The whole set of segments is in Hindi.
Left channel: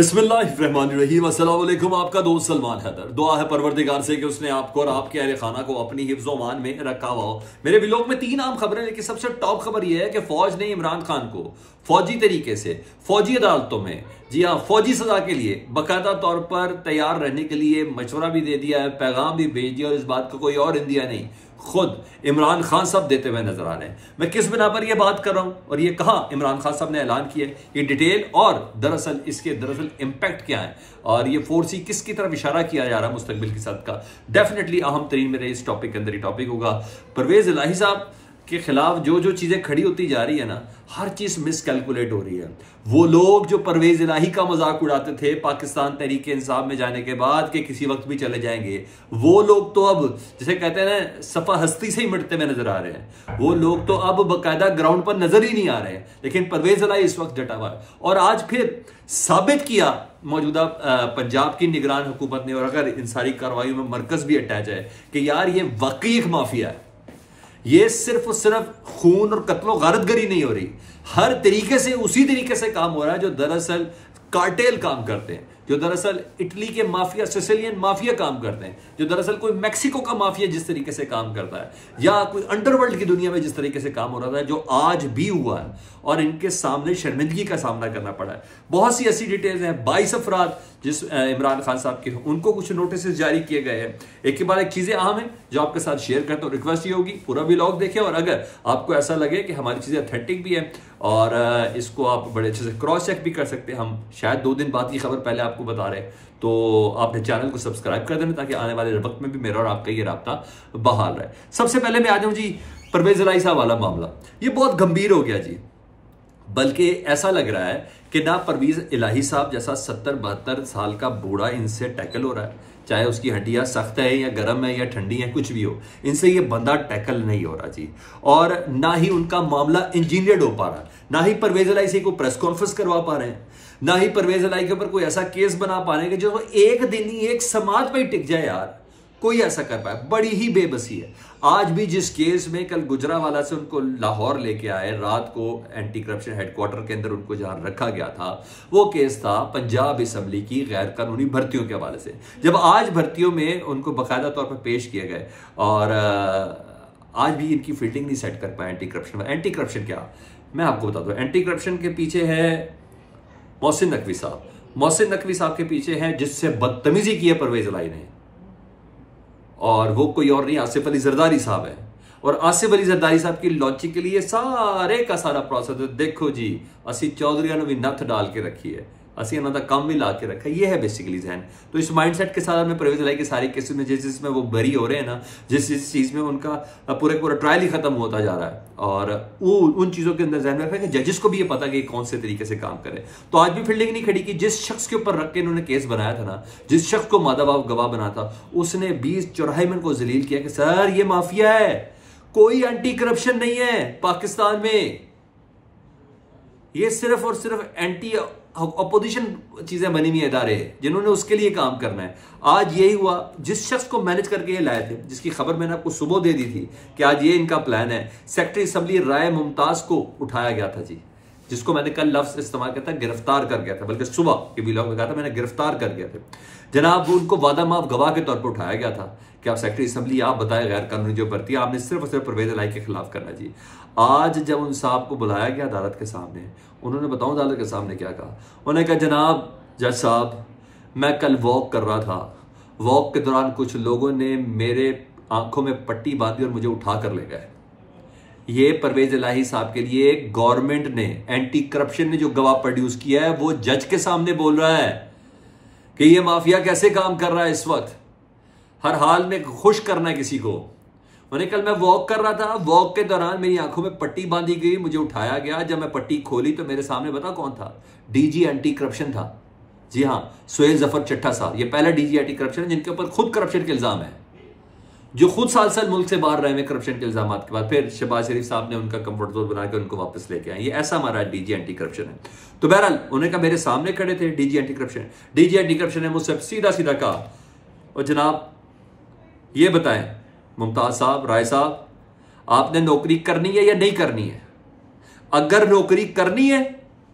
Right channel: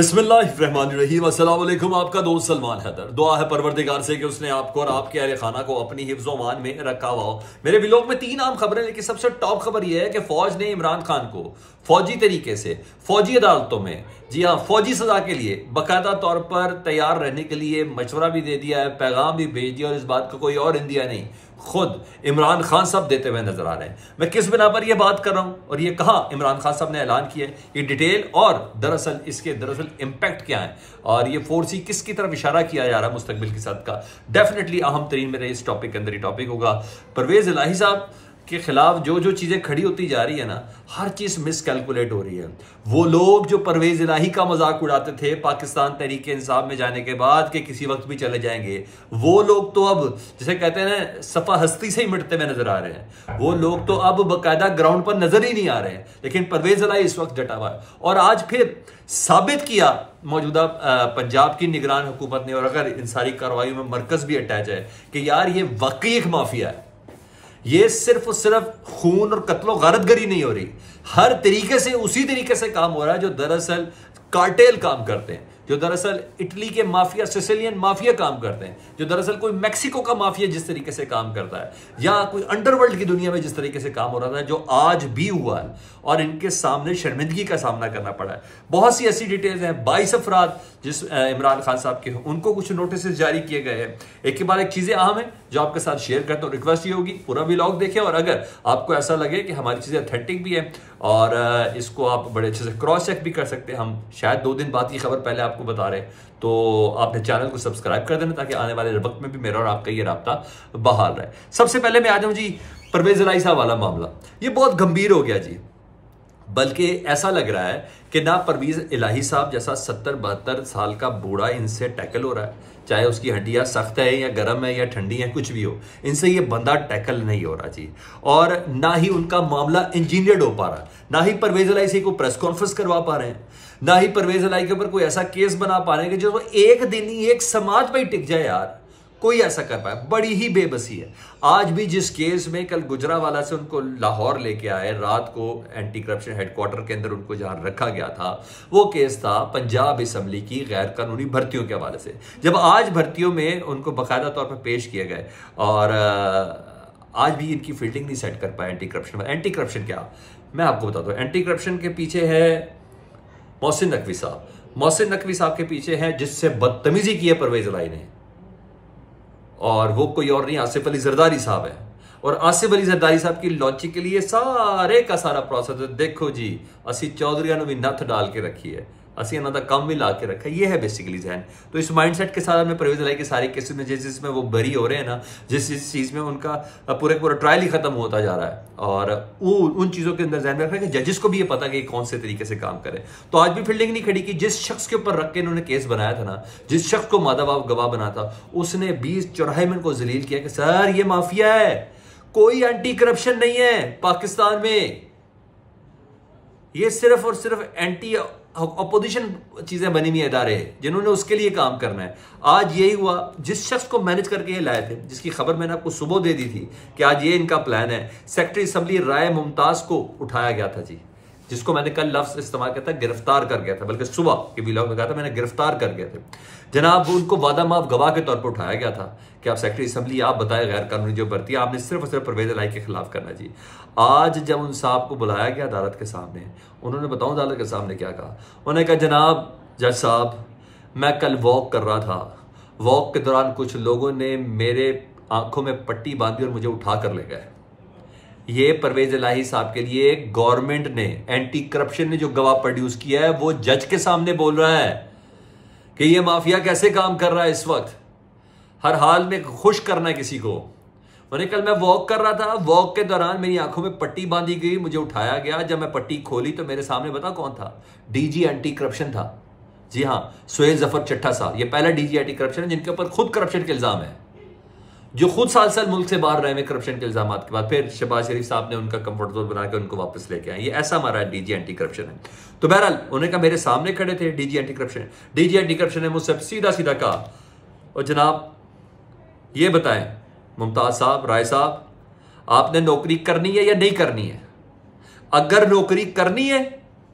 बिस्मिल्लाहिर्रहमानिर्रहीम। अस्सलाम वालेकुम। आपका दोस्त सलमान हैदर। दुआ है परवरदिगार से कि उसने आपको और आपके अहले खाना को अपनी हिफ्ज़ मान में रखा हुआ हो। मेरे व्लॉग में 3 आम खबरें, लेकिन सबसे टॉप खबर यह है कि फौज ने इमरान खान को फौजी तरीके से फौजी अदालतों में, जी हाँ, फौजी सजा के लिए बाकायदा तौर पर तैयार रहने के लिए मशवरा भी दे दिया है, पैगाम भी भेज दिया, और इस बात का कोई और इंदिया नहीं, खुद इमरान खान साहब देते हुए नजर आ रहे हैं। मैं किस बिना पर यह बात कर रहा हूं और ये कहा इमरान खान साहब ने ऐलान किया, ये डिटेल और दरअसल इंपैक्ट क्या है और ये फोर्स ही किसकी तरफ इशारा किया जा रहा है मुस्तकबिल के साथ का, डेफिनेटली अहम तरीन मेरे इस टॉपिक के अंदर ही टॉपिक होगा। परवेज इलाही साहब के खिलाफ जो जो चीजें खड़ी होती जा रही है ना, हर चीज मिसकैलकुलेट हो रही है। वो लोग जो परवेज इलाही का मजाक उड़ाते थे पाकिस्तान तहरीके इंसाफ में जाने के बाद कि किसी वक्त भी चले जाएंगे, वो लोग तो अब जैसे कहते हैं ना सफा हस्ती से ही मिटते हुए नजर आ रहे हैं। वो लोग तो अब बाकायदा ग्राउंड पर नजर ही नहीं आ रहे हैं, लेकिन परवेज इलाही इस वक्त डटा हुआ है। और आज फिर साबित किया मौजूदा पंजाब की निगरान हुकूमत ने, और अगर इन सारी कार्रवाई में मरकज भी अटैच है, कि यार ये वाकई एक माफिया है। ये सिर्फ और सिर्फ खून और कत्लो गारतगरी नहीं हो रही, हर तरीके से उसी तरीके से काम हो रहा है जो दरअसल कार्टेल काम करते हैं, जो दरअसल इटली के माफिया, सिसिलियन माफिया काम करते हैं, जो दरअसल कोई मैक्सिको का माफिया जिस तरीके से काम करता है, या कोई अंडरवर्ल्ड की दुनिया में जिस तरीके से काम हो रहा था, जो आज भी हुआ है और इनके सामने शर्मिंदगी का सामना करना पड़ा है। बहुत सी ऐसी डिटेल्स हैं। 22 अफराद जिस इमरान खान साहब के, उनको कुछ नोटिस जारी किए गए हैं। एक के बाद एक चीजें अहम है जो आपके साथ शेयर करता हूं। रिक्वेस्ट ये होगी पूरा व्लॉग देखें, और अगर आपको ऐसा लगे कि हमारी चीजें ऑथेंटिक भी है और इसको आप बड़े अच्छे से क्रॉस चेक भी कर सकते हैं, हम शायद 2 दिन बाद की खबर पहले आपको बता रहे हैं, तो आपने चैनल को सब्सक्राइब कर देना ताकि आने वाले वक्त में भी मेरा और आपका ये राब्ता बहाल रहे। सबसे पहले मैं आ जाऊं जी परवेज इलाही साहब वाला मामला। ये बहुत गंभीर हो गया जी, बल्कि ऐसा लग रहा है कि ना परवेज इलाही साहब जैसा 70-72 साल का बूढ़ा इनसे टैकल हो रहा है, चाहे उसकी हड्डियां सख्त है या गर्म है या ठंडी है, कुछ भी हो, इनसे ये बंदा टैकल नहीं हो रहा जी। और ना ही उनका मामला इंजीनियर्ड हो पा रहा, ना ही परवेज इलाही से को प्रेस कॉन्फ्रेंस करवा पा रहे हैं, ना ही परवेज इलाही के ऊपर कोई ऐसा केस बना पा रहे हैं कि जो एक दिन ही एक समाज पर ही टिक जाए। यार कोई ऐसा कर पाए, बड़ी ही बेबसी है। आज भी जिस केस में कल गुजरावाला से उनको लाहौर लेके आए, रात को एंटी करप्शन हेडक्वार्टर के अंदर उनको जहां रखा गया था, वो केस था पंजाब असेंबली की गैर कानूनी भर्तियों के हवाले से। जब आज भर्तियों में उनको बाकायदा तौर पर पेश किए गए और आज भी इनकी फील्डिंग नहीं सेट कर पाए एंटी करप्शन। एंटी करप्शन क्या, मैं आपको बता दूं, एंटी करप्शन के पीछे है मोहसिन नकवी साहब। मोहसिन नकवी साहब के पीछे है जिससे बदतमीजी की है परवेज इलाही ने, और वो कोई और नहीं आसिफ अली जरदारी साहब है। और आसिफ अली जरदारी साहब की लॉन्चिंग के लिए सारे का सारा प्रोसेस देखो जी, असी चौधरी भी नथ डाल के रखी है, असी इन्हों का काम भी ला के रखा है। ये है बेसिकली जहन। तो इस माइंडसेट के साथ में परवेज इलाही के सारे केसेस में जिसमें वो बरी हो रहे हैं ना, जिस चीज में उनका पूरा ट्रायल ही खत्म होता जा रहा है, और उन चीजों के अंदर जहन में रखा है कि जजेस को भी ये पता कि कौन से तरीके से काम करे। तो आज भी फील्डिंग नहीं खड़ी की। जिस शख्स के ऊपर रख के इन्होंने केस बनाया था ना, जिस शख्स को मादाबाप गवाह बना था, उसने 20-24 मिनट को जलील किया कि सर ये माफिया है, कोई एंटी करप्शन नहीं है पाकिस्तान में, ये सिर्फ और सिर्फ एंटी अपोजिशन चीजें बनी हुई इदारे हैं जिन्होंने उसके लिए काम करना है। आज यही हुआ। जिस शख्स को मैनेज करके ये लाए थे, जिसकी खबर मैंने आपको सुबह दे दी थी कि आज ये इनका प्लान है, सेक्रेटरी असेंबली राय मुमताज को उठाया गया था जी, जिसको मैंने कल लफ्ज इस्तेमाल किया था गिरफ्तार कर गया था, बल्कि सुबह के व्लॉग में कहा था मैंने गिरफ्तार कर गया था जनाब। वो उनको वादा माफ गवाह के तौर पर उठाया गया था कि आप सेक्रेटरी असेंबली, आप बताए गैर कानूनी जो भर्ती आपने सिर्फ और सिर्फ परवेज इलाही के खिलाफ करना जी। आज जब उन साहब को बुलाया गया अदालत के सामने, उन्होंने बताऊं अदालत के सामने क्या कहा। उन्होंने कहा जनाब जज साहब, मैं कल वॉक कर रहा था, वॉक के दौरान कुछ लोगों ने मेरे आंखों में पट्टी बांधी और मुझे उठा कर ले गए। ये परवेज इलाही साहब के लिए गवर्नमेंट ने, एंटी करप्शन ने जो गवाह प्रोड्यूस किया है, वो जज के सामने बोल रहा है कि ये माफिया कैसे काम कर रहा है इस वक्त, हर हाल में खुश करना है किसी को। मैंने कल मैं वॉक कर रहा था, वॉक के दौरान मेरी आंखों में पट्टी बांधी गई, मुझे उठाया गया, जब मैं पट्टी खोली तो मेरे सामने बता कौन था, डीजी एंटी करप्शन था। जी हां, सुहेल जफर चट्टा साहब, ये पहला डीजी एंटी करप्शन है जिनके ऊपर खुद करप्शन के इल्जाम है, जो खुद साल मुल्क से बाहर रहे हैं करप्शन के इल्जाम के बाद, फिर शहबाज शरीफ साहब ने उनका कंफर्ट जोन बना के उनको वापस लेके आए। ये ऐसा हमारा डीजी एंटी करप्शन है। तो बहरहाल उन्होंने कहा, मेरे सामने खड़े थे DG anti corruption, DG anti corruption ने मुझसे सीधा सीधा कहा, और जनाब ये बताएं मुमताज साहब, राय साहब, आपने नौकरी करनी है या नहीं करनी है? अगर नौकरी करनी है,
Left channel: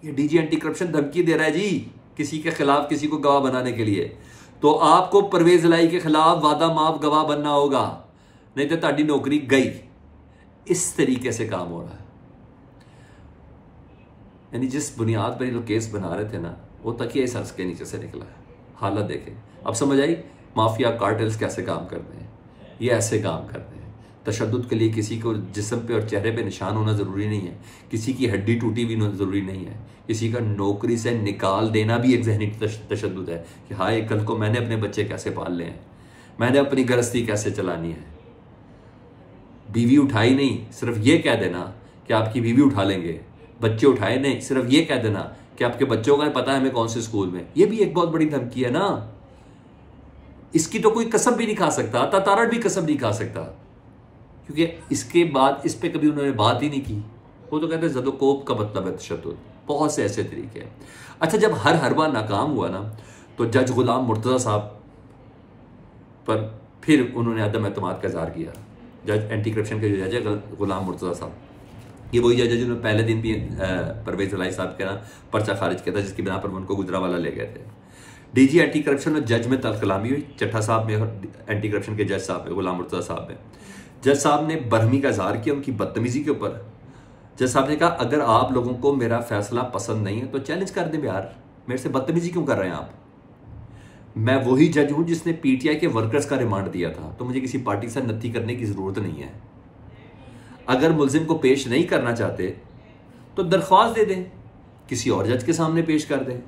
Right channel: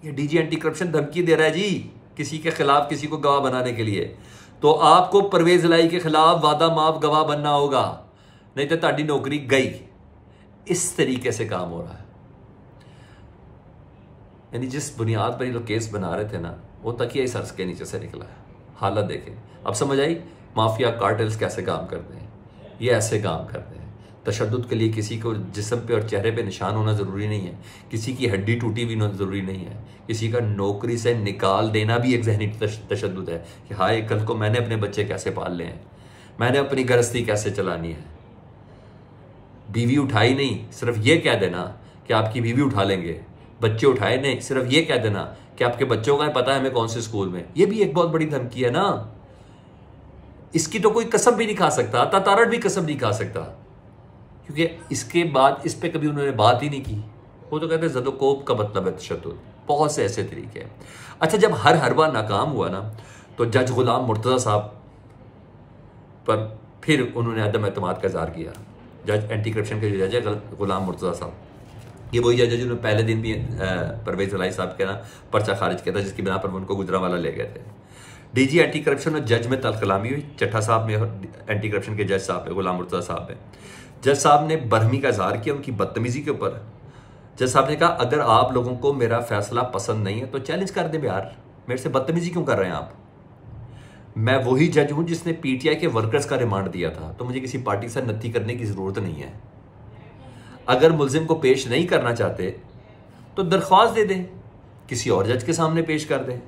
ये डीजी एंटी करप्शन धमकी दे रहा है जी, किसी के खिलाफ किसी को गवाह बनाने के लिए, तो आपको परवेज इलाही के खिलाफ वादा माफ गवाह बनना होगा, नहीं तो ताड़ी नौकरी गई। इस तरीके से काम हो रहा है। यानी जिस बुनियाद पर ये लोग केस बना रहे थे ना, वो तकिया सर के नीचे से निकला है। हालत देखें, अब समझ आई माफिया कार्टेल्स कैसे काम करते हैं। ये ऐसे काम करते हैं। तशद्दुद के लिए किसी को जिस्म पे और चेहरे पे निशान होना ज़रूरी नहीं है, किसी की हड्डी टूटी भी ज़रूरी नहीं है, किसी का नौकरी से निकाल देना भी एक जहनी तशद्दुद है कि हाय कल को मैंने अपने बच्चे कैसे पालने हैं, मैंने अपनी गृहस्थी कैसे चलानी है। बीवी उठाई नहीं, सिर्फ ये कह देना कि आपकी बीवी उठा लेंगे, बच्चे उठाए नहीं, सिर्फ ये कह देना कि आपके बच्चों का पता है हमें कौन से स्कूल में। ये भी एक बहुत बड़ी धमकी है ना। इसकी तो कोई कसम भी नहीं खा सकता, तातारट भी कसम नहीं खा सकता, क्योंकि इसके बाद इस पे कभी उन्होंने बात ही नहीं की। वो तो कहते हैं ज़दोकोप का मतलब है तशद्दुद। बहुत से ऐसे तरीके हैं। अच्छा, जब हर बार नाकाम हुआ ना, तो जज गुलाम मुर्तज़ा साहब पर फिर उन्होंने अदम एतमाद का इज़हार किया। जज एंटी करप्शन के जो जज है गुलाम मुर्तज़ा साहब, ये वही जज है जिन्होंने पहले दिन भी परवेज इलाही साहब के ना पर्चा खारिज किया था, जिसकी बिना पर उनको गुजरावाला ले गए थे। डीजी एंटी करप्शन और जज में तलकलामी हुई, चट्टा साहब में और एंटी करप्शन के जज साहब है गुलाम मुर्तज़ा साहब में। जज साहब ने बरहमी का इजहार किया उनकी बदतमीजी के ऊपर। जज साहब ने कहा अगर आप लोगों को मेरा फैसला पसंद नहीं है तो चैलेंज कर दें यार, मेरे से बदतमीजी क्यों कर रहे हैं आप। मैं वही जज हूं जिसने पीटीआई के वर्कर्स का रिमांड दिया था, तो मुझे किसी पार्टी से नत्थी करने की जरूरत नहीं है। अगर मुलजिम को पेश नहीं करना चाहते तो दरख्वास्त दे दें, किसी और जज के सामने पेश कर दें।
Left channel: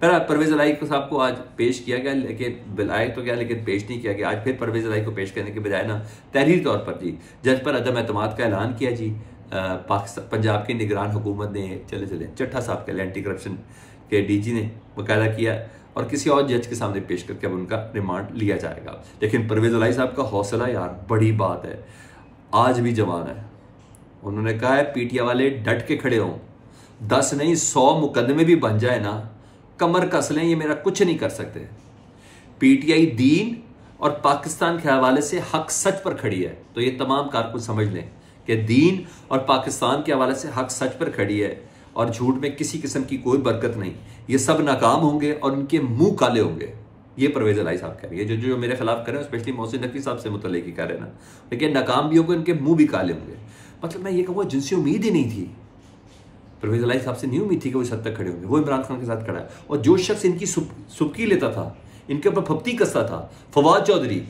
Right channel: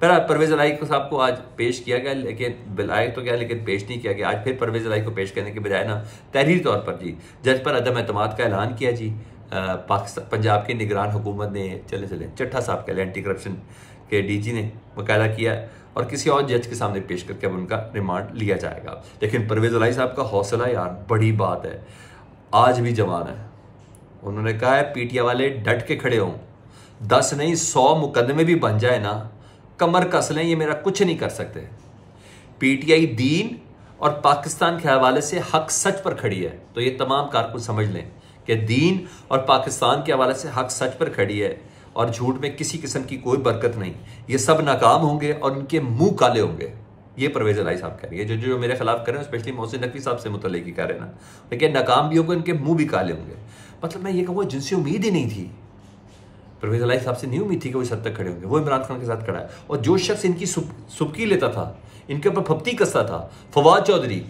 पर परवेज इलाही को साहब को आज पेश किया गया, लेकिन बुलाए तो क्या, लेकिन पेश नहीं किया गया। आज फिर परवेज इलाही को पेश करने के बजाय ना तहरीरी तौर पर जी जज पर अदम एतमाद का ऐलान किया जी। पाकिस्तान पंजाब की निगरान हुकूमत ने चले चट्टा साहब के एंटी करप्शन के डीजी ने मुकायदा किया और किसी और जज के सामने पेश करके अब उनका रिमांड लिया जाएगा। लेकिन परवेज इलाही साहब का हौसला यार बड़ी बात है, आज भी जवान है। उन्होंने कहा है पीटीआई वाले डट के खड़े हों, 10 नहीं 100 मुकदमे भी बन जाए ना, कमर कस लें, ये मेरा कुछ नहीं कर सकते। पीटीआई दीन और पाकिस्तान के हवाले से हक सच पर खड़ी है, तो ये तमाम कारकुन समझ लें कि दीन और पाकिस्तान के हवाले से हक सच पर खड़ी है और झूठ में किसी किस्म की कोई बरकत नहीं। ये सब नाकाम होंगे और उनके मुंह काले होंगे। ये परवेज इलाही साहब कह रही है, जो मेरे खिलाफ कर रहे हैं, स्पेशली मोहसिन नकवी साहब से मुतल्लिक ही कर रहे हैं ना, लेकिन नाकाम भी होंगे, उनके मुंह भी काले होंगे। मतलब मैं ये कहूँगा जिनसे उम्मीद ही नहीं थी, परवेज इलाही साहब से नहीं उम्मीद थी कि वो इस हद तक खड़े होंगे, वो इमरान खान के साथ खड़ा है। और जो शख्स इनकी सुबकी लेता था, इनके ऊपर फप्ती कसता था, फवाद चौधरी,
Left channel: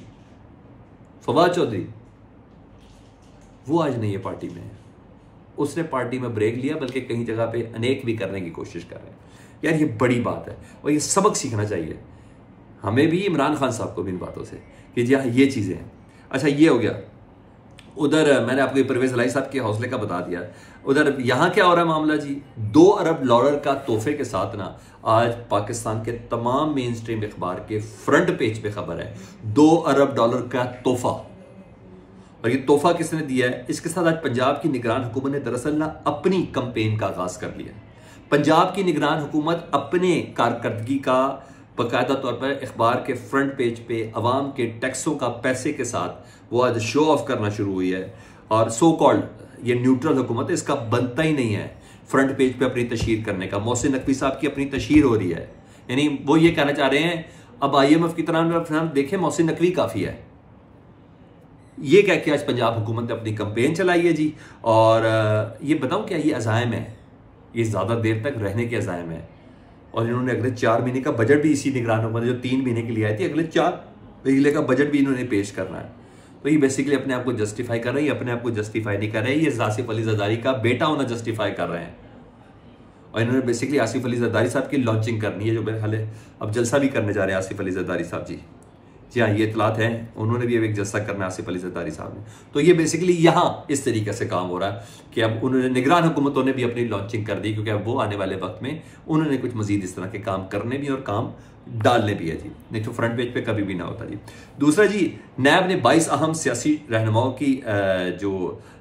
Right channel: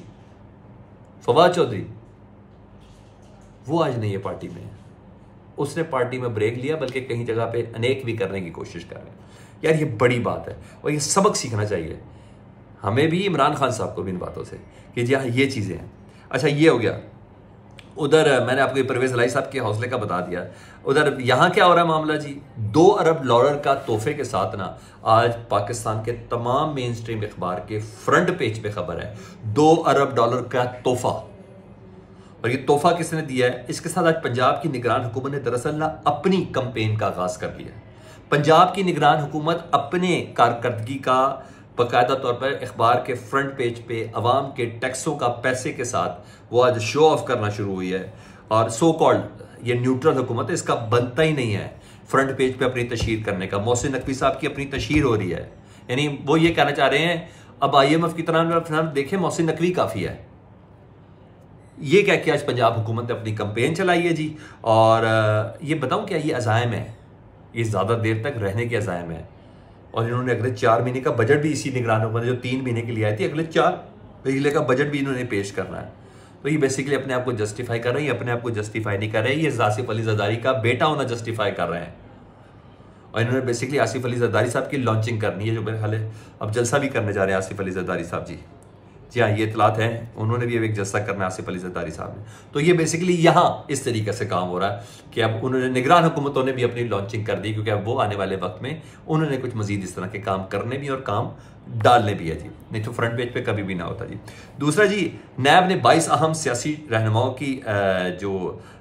वो आज नहीं है पार्टी में। उसने पार्टी में ब्रेक लिया, बल्कि कहीं जगह पे अनेक भी करने की कोशिश कर रहे हैं। यार ये बड़ी बात है और ये सबक सीखना चाहिए हमें भी, इमरान खान साहब को भी इन बातों से कि जी हाँ ये चीज़ें हैं। अच्छा ये हो गया। उधर मैंने आपको परवेज इलाही साहब के हौसले का बता दिया। उधर यहाँ क्या हो रहा है मामला जी, 2 अरब डॉलर का तोहफे के साथ ना आज पाकिस्तान के तमाम मेन स्ट्रीम अखबार के फ्रंट पेज पे खबर है 2 अरब डॉलर का तोहफा। और ये तोहफा किसने दिया है? इसके साथ आज पंजाब की निगरान हुकूमत ने दरअसल ना अपनी कैंपेन का आगाज कर लिया। पंजाब की निगरान हुकूमत अपने कारकर्दगी का बाकायदा तौर पर अखबार के फ्रंट पेज पे अवाम के टैक्सों का पैसे के साथ वो आज शो ऑफ करना शुरू हुई है। और सो कॉल्ड ये न्यूट्रल हुकूमत है, इसका बनता ही नहीं है फ्रंट पेज पे अपनी तशहीर करने का। मोहसिन नकवी साहब की अपनी तशहीर हो रही है, यानी वो ये कहना चाह रहे हैं अब IMF की तरह देखें मोहसिन नकवी काफी है। ये कह के आज पंजाब हुकूमत ने अपनी कैंपेन चलाई है जी। और ये बताऊं क्या, ये अज़ाइम है, ये ज़्यादा देर तक रहने के अज़ाइम है। और इन्होंने अगले 4 महीने का बजट भी इसी निगरान हुकूमत जो 3 महीने के लिए आई थी, अगले 4 महीने का बजट भी इन्होंने पेश करना है। तो ये बेसिकली अपने आप को जस्टिफाई कर रही है, अपने आप को जस्टिफाई नहीं कर रहे, ये आसिफ अली जरदारी का बेटा होना जस्टिफाई कर रहे हैं। और इन्होंने बेसिकली आसिफ अली जरदारी साहब की लॉन्चिंग करनी है, जो मेरे ख्याल है अब जलसा भी करने जा रहे हैं आसिफ अली जरदारी साहब जी। जी हाँ, ये इतलात हैं, उन्होंने भी अब एक जलसा करना है आसिफ अली जरदारी साहब ने। तो ये बेसिकली यहाँ इस तरीके से काम हो रहा है कि अब उन्होंने निगरान हुकूमतों ने भी अपनी लॉन्चिंग कर दी, क्योंकि अब वो आने वाले वक्त में उन्होंने कुछ मजीद इस तरह के काम करने भी और काम डालने भी है जी, नहीं तो फ्रंट पेज पे कभी भी ना होता जी। दूसरा जी, नैब ने 22 अहम सियासी रहनुमाओं की जो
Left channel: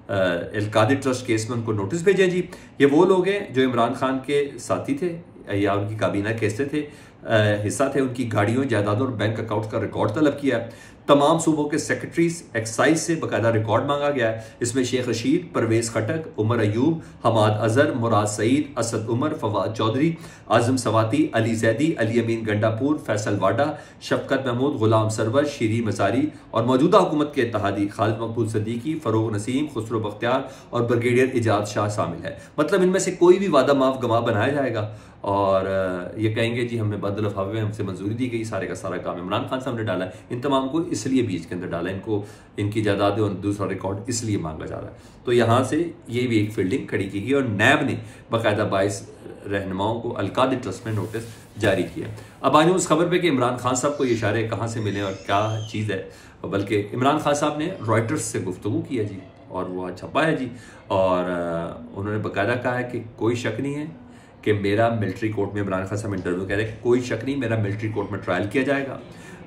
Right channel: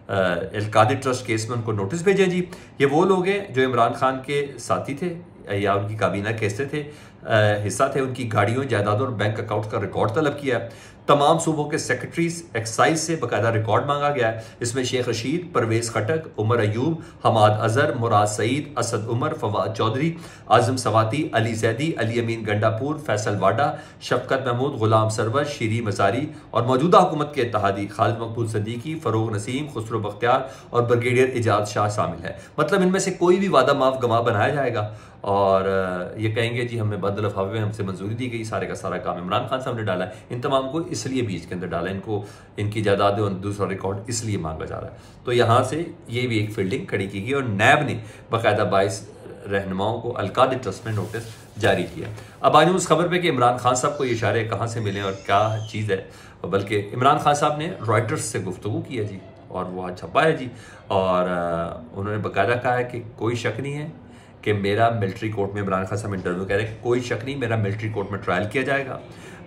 अलकादी ट्रस्ट केस में उनको नोटिस भेजे जी। ये वो लोग हैं जो इमरान खान के साथी थे या उनकी काबीना के हिस्से थे। हिस्सा थे उनकी गाड़ियों, जायदादों और बैंक अकाउंट का रिकॉर्ड तलब किया है। तमाम सूबों के सेक्रेटरीज एक्साइज से बाकायदा रिकॉर्ड मांगा गया है। इसमें शेख रशीद, परवेज खटक, उमर अयूब, हमाद अजहर, मुराद सईद, असद उमर, फवाद चौधरी, आजम सवाती, अली जैदी, अली अमीन गंडापुर, फैसल वाडा, शफकत महमूद, गुलाम सरवर, शीरी मजारी और मौजूदा हुकूमत के इत्तेहादी खालिद मकबूल सदीकी, फरोग नसीम, खुसरो बख्तियार और ब्रिगेडियर इजाज शाह शामिल है। मतलब इनमें से कोई भी वादा माफ गवाह बनाया जाएगा और ये कहेंगे जी हमें बदल अफवाह हमसे मंजूरी दी गई, सारे का सारा काम इमरान खान साहब ने डाला है। इन तमाम को इसलिए बीच के अंदर डाला है, इनको इनकी जायदाद और दूसरा रिकॉर्ड इसलिए मांगा जा रहा है। तो यहाँ से ये भी एक फील्डिंग खड़ी की गई और नैब ने बाकायदा 22 रहनुमाओं को अलकादी ट्रस्ट में नोटिस जारी किया। अब आज उस खबर पे कि इमरान खान साहब को ये इशारे कहाँ से मिले और क्या चीज़ है, बल्कि इमरान खान साहब ने रॉयटर्स से गुफ्तगू की है जी और वो छपा है जी, और उन्होंने बाकायदा कहा है कि कोई शक नहीं है कि मेरा मिलिट्री कोर्ट में, इमरान खान साहब इंटरव्यू कह रहे हैं कोई शक नहीं, मेरा मिलिट्री कोर्ट में ट्रायल किया जाएगा,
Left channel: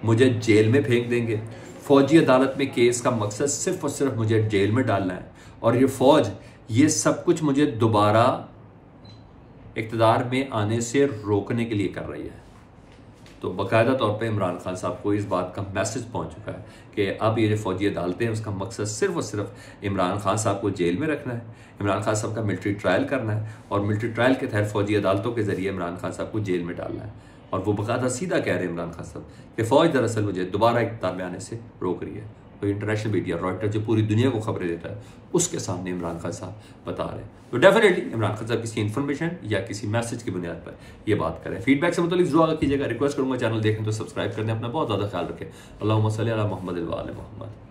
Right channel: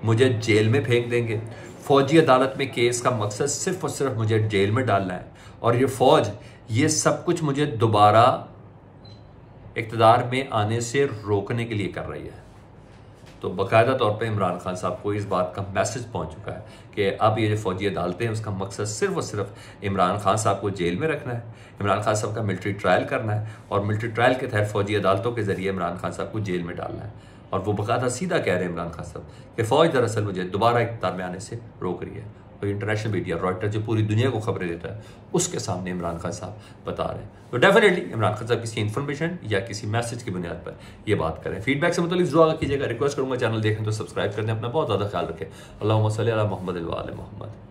मुझे जेल में फेंक देंगे। फौजी अदालत में केस का मकसद सिर्फ और सिर्फ मुझे जेल में डालना है और ये फौज ये सब कुछ मुझे दोबारा इक़्तिदार में आने से रोकने के लिए कर रही है। तो बाकायदा तौर पे इमरान खान साहब को इस बात का मैसेज पहुंच चुका है कि अब ये जो फौजी अदालतें हैं उसका मकसद सिर्फ और सिर्फ इमरान खान साहब को जेल में रखना है, इमरान खान साहब का मिलिट्री ट्रायल करना है और मिलिट्री ट्रायल के तहत फौजी अदालतों के जरिए इमरान खान साहब को जेल में डालना है। और वो बाकायदा सीधा कह रहे हैं इमरान खान साहब कि फौज दरअसल मुझे दोबारा इक़्तिदार में आने से रोक रही है। तो इंटरनेशनल मीडिया रॉयटर जो पूरी दुनिया को खबरें देता है उसके सामने इमरान खान साहब बता रहे हैं। तो डेफिनेटली इमरान खान साहब किसी इन्फॉर्मेशन या किसी मैसेज की बुनियाद पर ये बात करें। फीडबैक से मतलब जरूर कीजिएगा, रिक्वेस्ट करूंगा चैनल देखें तो सब्सक्राइब करने, अपना बहुत ज़्यादा ख्याल रखें। अल्लाहुम्मा सल्ली अला मुहम्मद व आले मुहम्मद।